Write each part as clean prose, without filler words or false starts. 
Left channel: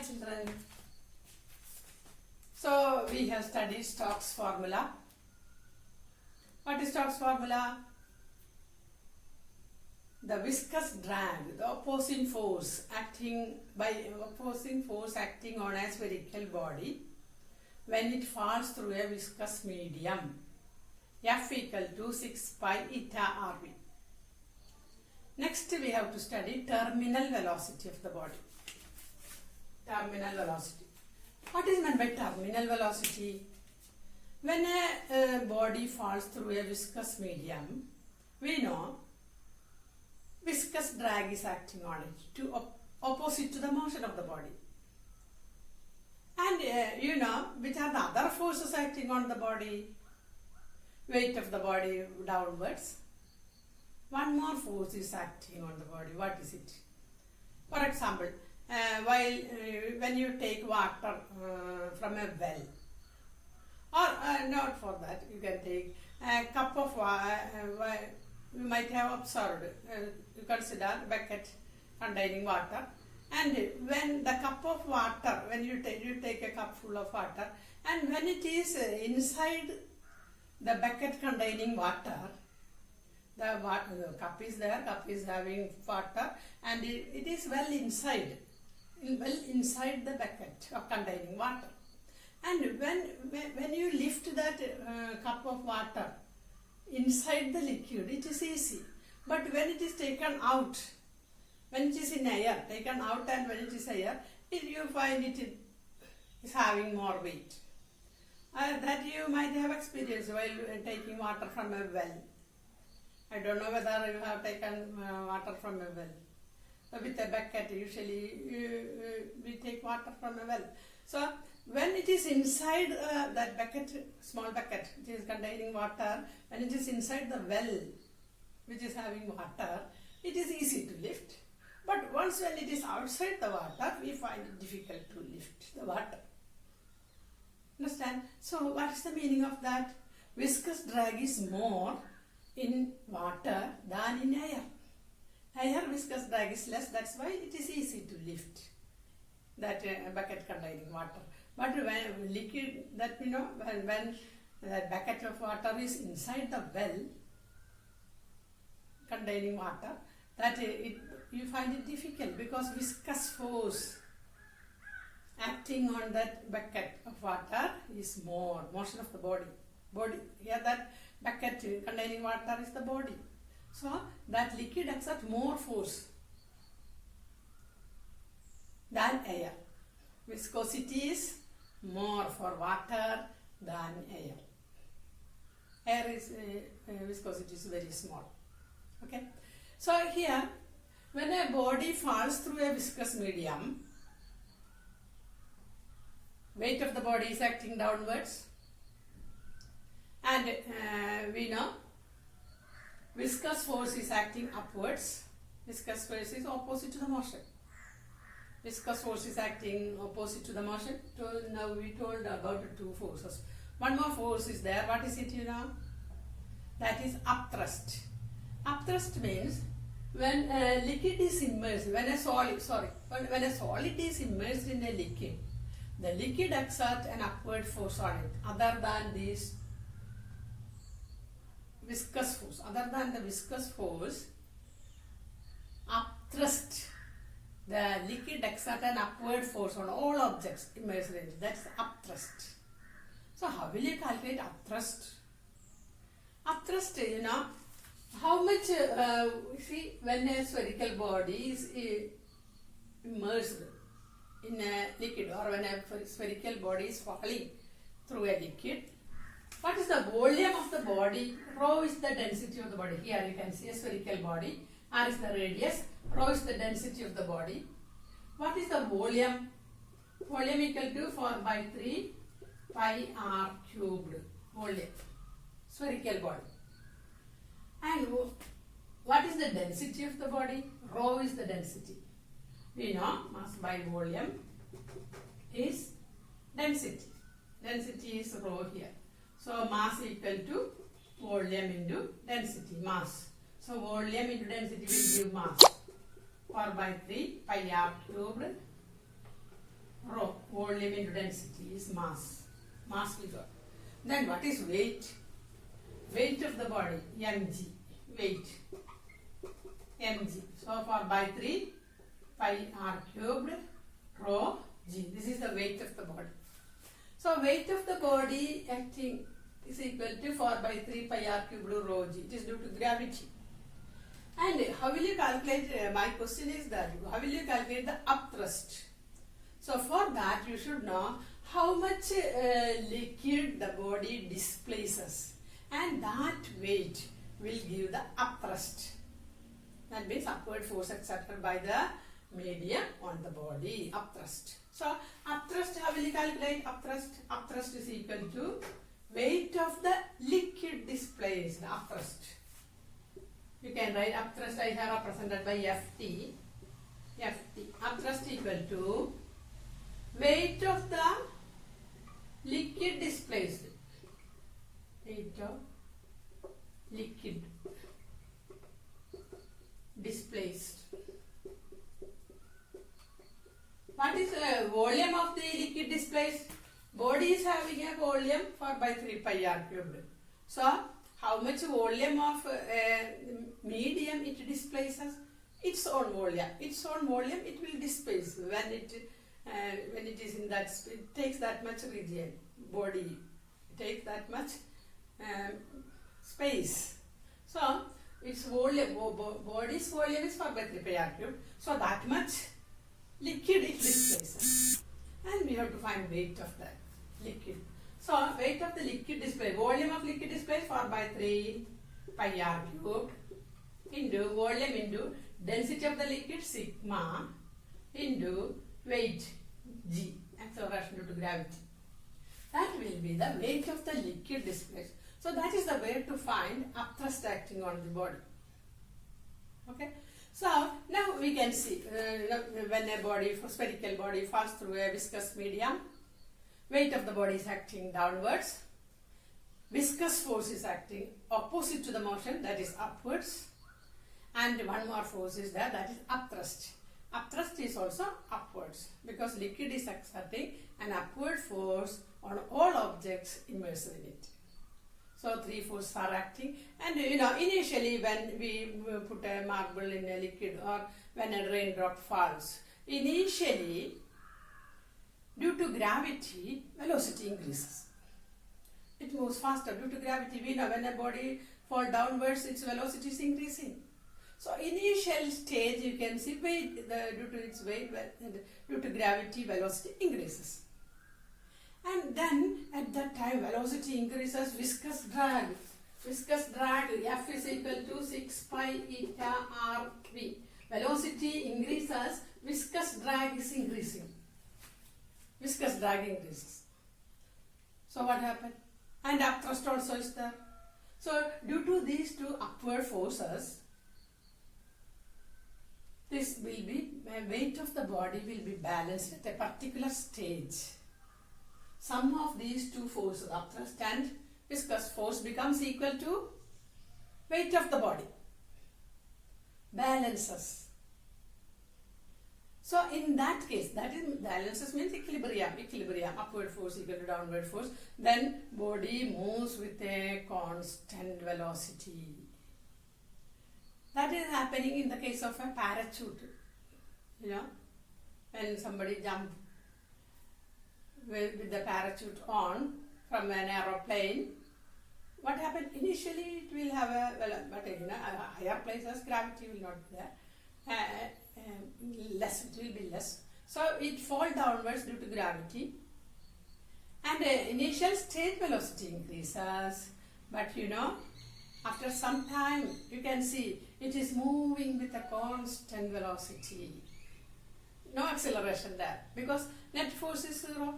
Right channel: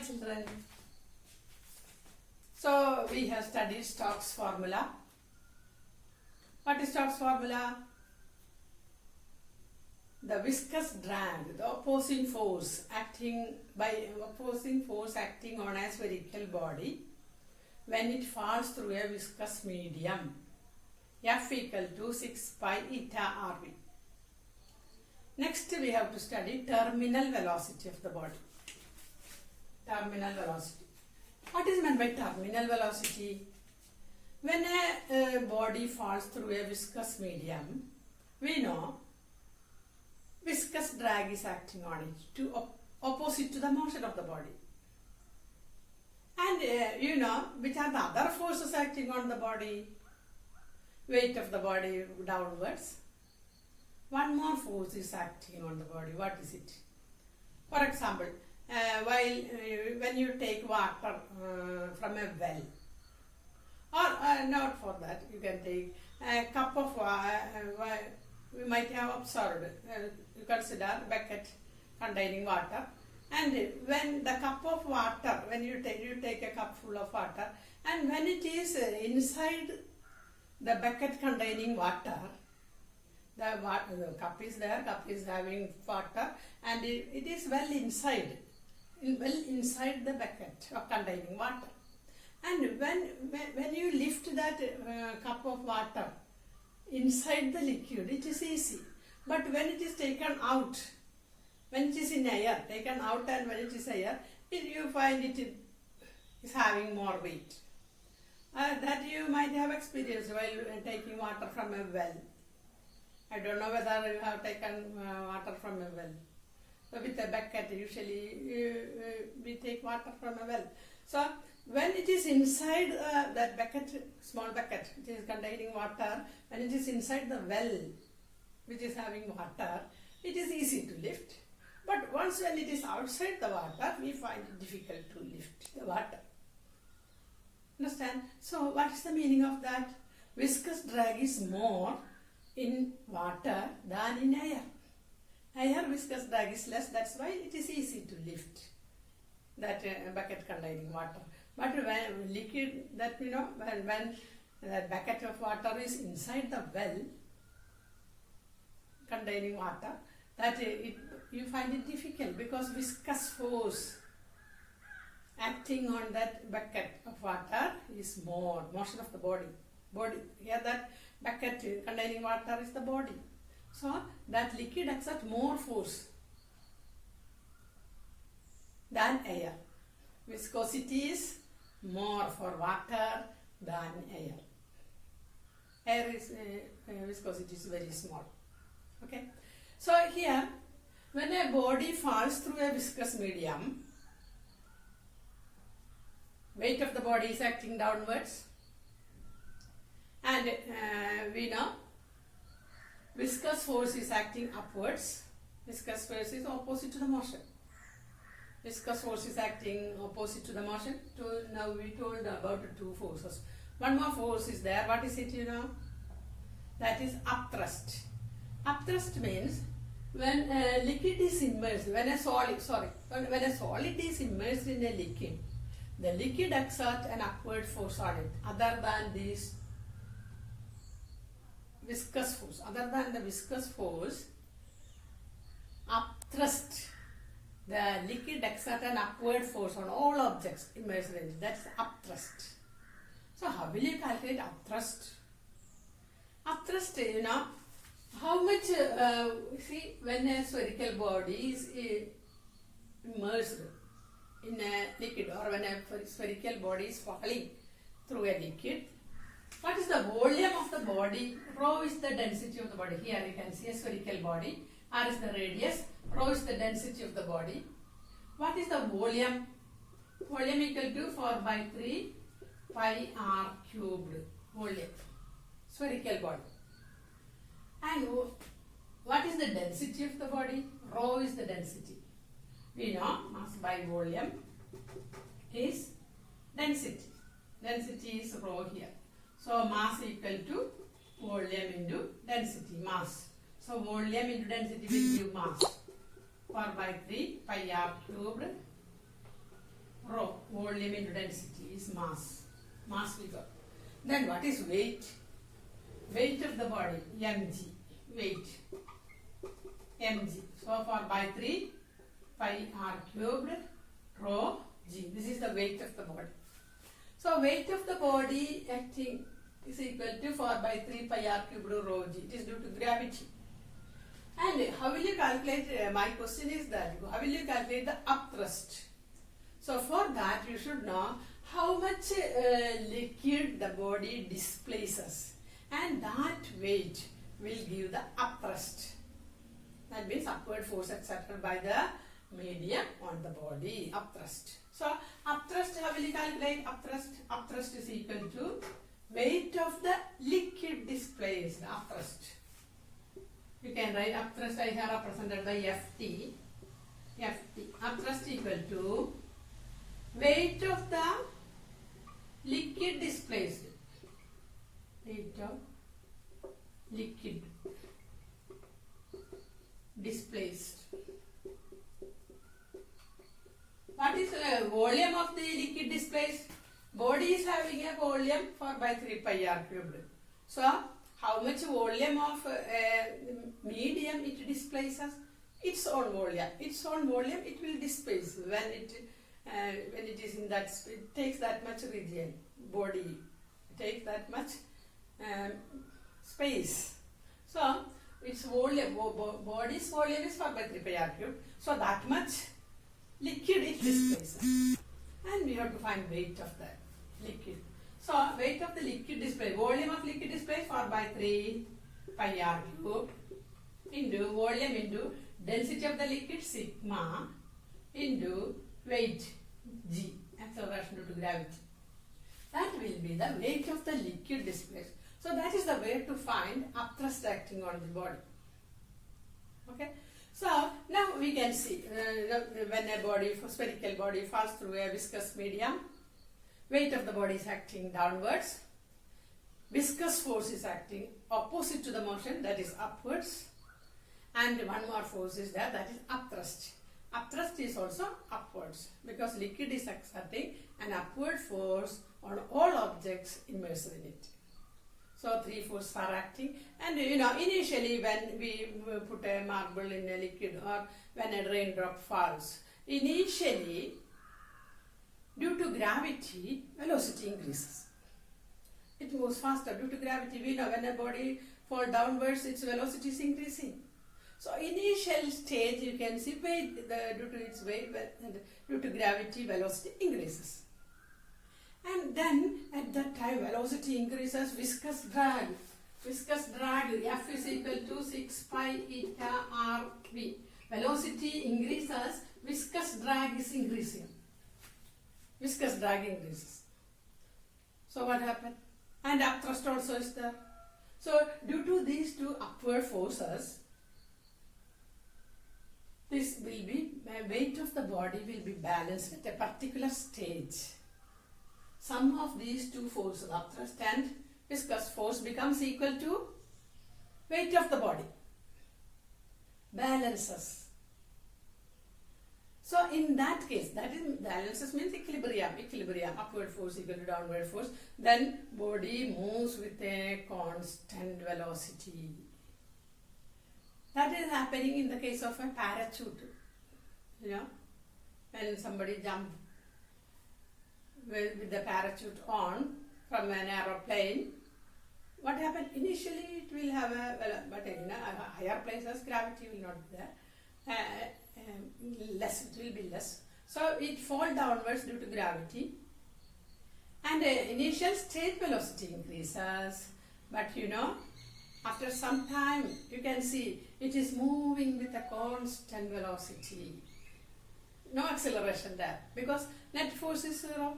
children. So we have studied Stokes formula. What is Stokes formula? The viscous drag, the opposing force acting on a spherical body when it falls through a viscous medium. F equal to 6 pi eta RV. Next we have to study terminal velocity of the body. Terminal velocity. What is meant by terminal velocity? When a body falls through a viscous medium, we know viscous drag is acting on it to opposite to the motion of the body. And you know which are the other forces acting on the body? Weight of the body downwards. One more force is acting on the body. What is it? For example, when you take water from a well, or not for that, you can take a cup of water. We might have observed, you consider bucket containing water, and when the cup of water, when you take a cup full of water, and when it is inside the bucket containing water, the cup is there, cup is having water, and it is well inside the bucket containing water. And when you lift that cup of water inside the liquid, it is easy. But when it is taken out, when it is in air, taken out and when it is air, you find it is having more weight. That you might have experienced while taking water from a well. I don't know whether you have taken water from a well. So with a bucket, usually we take water from a well. So when it is inside that bucket, small bucket, which is containing water, when it is inside the well, which is having water, it is easy to lift. But once when it is outside the water, we find it difficult to lift the water. Understand? So what is the meaning of that? Viscous drag is more in water than in air. Air viscous drag is less, that's why it is easy to lift that bucket containing water. But when liquid, that you know, when that bucket of water is inside the well containing water, that you find it difficult because viscous force acting on that bucket of water is more, motion of the body. Here that bucket containing water is the body. So that liquid exerts more force than air. Viscosity is more for water than air. Air is viscosity is very small. Okay. So here, when a body falls through a viscous medium, weight of the body is acting downwards, and we know viscous force is acting upwards. Viscous force is opposite to the motion. Viscous force is acting opposite to the motion. Now we told about the two forces. One more force is there. What is it, you know? That is upthrust. Upthrust means when a liquid is immersed, when a solid is immersed in a liquid, the liquid exerts an upward force on it, other than this viscous force. Other than the viscous force, upthrust, the liquid exerts an upward force on all objects immersed in it. That's upthrust. So how will you calculate upthrust? Upthrust, you know, how much, see, when a spherical body is immersed in a liquid, or when a spherical body is falling through a liquid, what is the volume of the body? Rho is the density of the body. Here you can see a spherical body. R is the radius. Rho is the density of the body. What is the volume? Volume equal to 4 by 3 pi r cubed. Volume. Spherical body. And what is the density of the body? Rho is the density. We know mass by volume is density. Density is rho here. So mass equal to volume into density, mass. So volume into density will give mass. 4 by 3 pi r cubed Rho, volume into density, is mass. Mass we got. Then what is weight? Weight of the body, mg. Weight, mg. So for by 3 pi r cubed rho g. This is the weight of the body. So weight of the body acting is equal to 4 by 3 pi r cubed rho g. It is due to gravity. And how will you calculate, my question is that, how will you calculate the upthrust? So for that you should know how much liquid the body displaces, and that weight will give the upthrust. That means upward force exerted by the medium on the body, upthrust. So upthrust, how will you calculate upthrust? Upthrust is equal to weight of the liquid displaced, upthrust. You can write upthrust, I have represented by Ft. Upthrust equal to weight of the liquid displaced. Weight of liquid displaced. What is the volume of the liquid displaced? Body is having a volume 4 by 3 pi r cubed. So, how much volume of medium it displaces? Its own volume. Its own volume it will displace when it is in that, it takes that much region. Body takes that much space. So, its volume, body's volume is 4 by 3 pi r cubed. So, that much liquid it displaces. And we have to find weight of that liquid. So, weight of the liquid display, volume of liquid display 4 by 3 pi r cubed into volume into density of the liquid sigma into weight g, acceleration due to gravity. That will be the weight of the liquid displaced. So, that is the way to find upthrust acting on the body. Okay. So, now we can see when a body, spherical body falls through a viscous medium, weight of the body is acting downwards. Viscous force is acting opposite to the motion, that is upwards. And one more force is there, that is upthrust. Upthrust is also upwards because liquid is exerting an upward force on all objects immersed in it. So, 3 forces are acting, and initially when we put a marble in a liquid or when a raindrop falls, initially due to gravity, velocity increases. It moves faster due to gravity. We know when a body falls downwards, its velocity is increasing. So, initial stage you can see weight, due to its weight, due to gravity, velocity increases. And then at that time velocity increases, viscous drag. Viscous drag, F is equal to 6 pi eta r v. Velocity increases, viscous drag is increasing. Viscous drag increases. So what happened? And upthrust also is there. So due to these two upward forces, this will be, weight of the body will be balanced at a particular stage. Sum of these two forces, upthrust and viscous force, becomes equal to weight of the body. Balances. So in that case, that is balances means equilibrium, upward force equal to downward force. Then body moves with a constant velocity. That is happening in the case of a parachute. When somebody jumps with the parachute on from an aeroplane, what happened? Initially it will have but in higher places gravity will not be there. Less, it will be less. So it falls downwards due to gravity, and initial state velocity increases, but after some time you can see it is moving with a constant velocity. No acceleration there because net force is 0.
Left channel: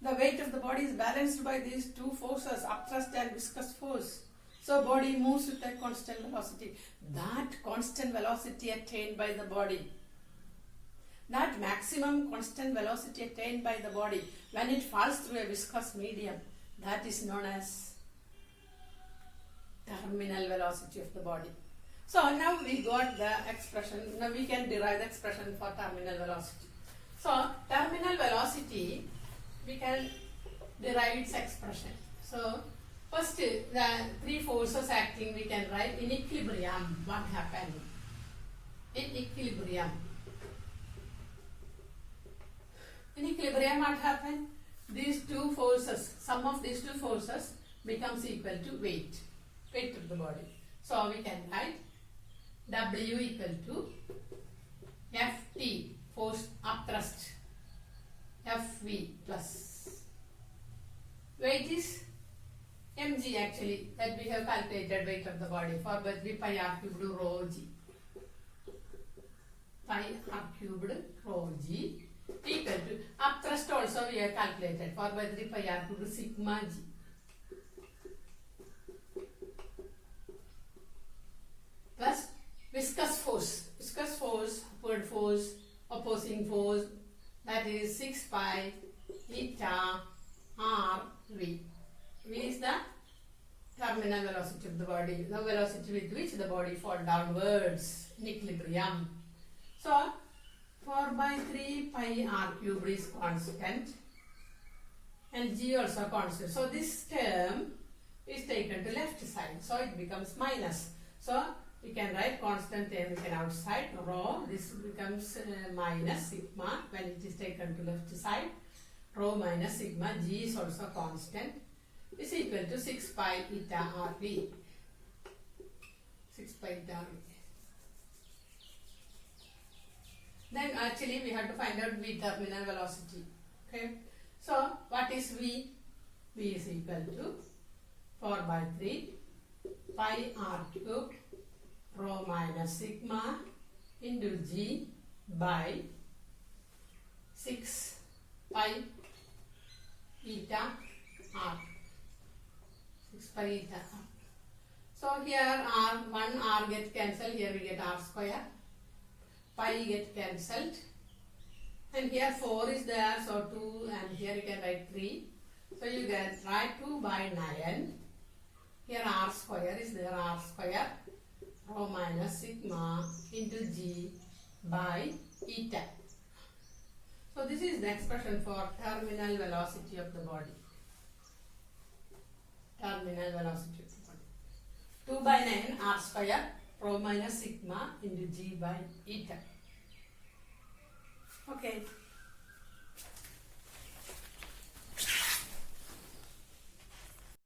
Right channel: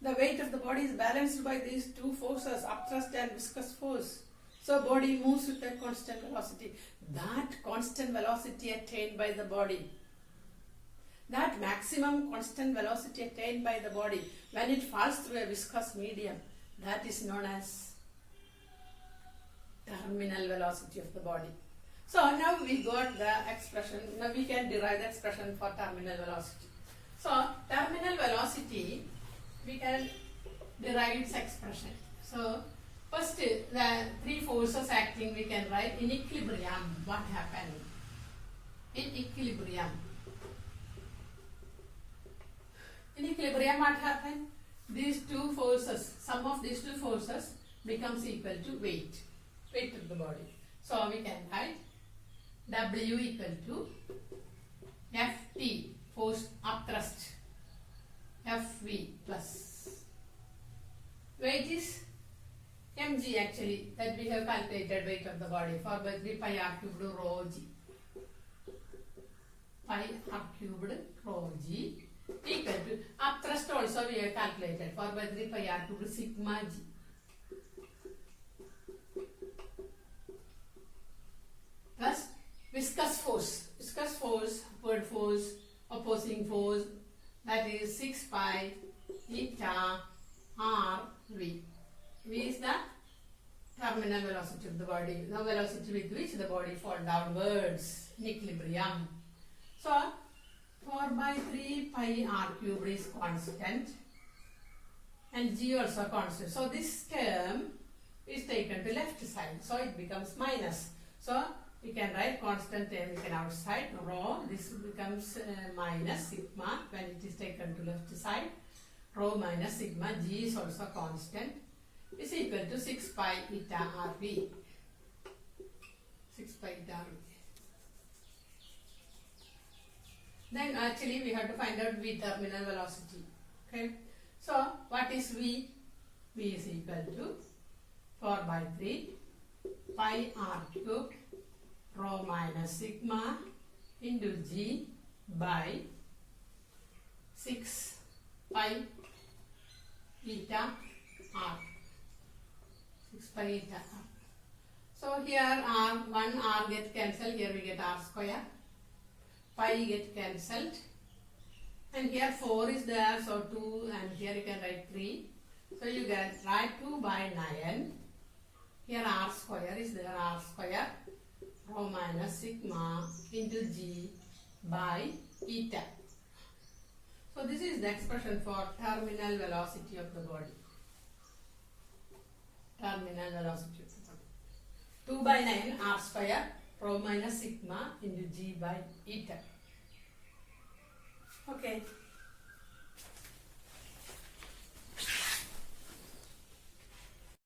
The weight of the body is balanced by these two forces, upthrust and viscous force. So body moves with a constant velocity. That constant velocity attained by the body, that maximum constant velocity attained by the body when it falls through a viscous medium, that is known as terminal velocity of the body. So now we got the expression, now we can derive the expression for terminal velocity. So terminal velocity, we can derive its expression. So first the three forces acting we can write in equilibrium. What happened? In equilibrium. In equilibrium what happened? These two forces, sum of these two forces becomes equal to weight of the body. So we can write W equal to Ft, force upthrust, Fv plus weight is mg actually, that we have calculated weight of the body for 3 pi r cubed rho g. Pi r cubed rho g equal to upthrust also we have calculated for 3 pi r cubed sigma g. Plus viscous force, upward force, opposing force, that is 6 pi eta r v. V is the terminal velocity of the body, the velocity with which the body falls downwards in equilibrium. So 4 by 3 pi r cubed is constant and g also constant. So this term is taken to left side, so it becomes minus. So we can write constant taken outside, rho, this becomes minus sigma when it is taken to left side, rho minus sigma, g is also constant, is equal to 6 pi eta rv. 6 pi eta rv. Then actually we have to find out v terminal velocity. Okay. So what is v? V is equal to 4 by 3 pi r cubed rho minus sigma into g by 6 pi eta r. 6 pi eta r. So here r, 1 r get cancelled, here we get r square, pi get cancelled, and here 4 is there, so 2, and here you can write 3. So you get write 2 by 9. Here r square is there, r square, rho minus sigma into g by eta. So this is the expression for terminal velocity of the body. Terminal velocity of the body. 2 by 9 r square, rho minus sigma into g by eta. Okay.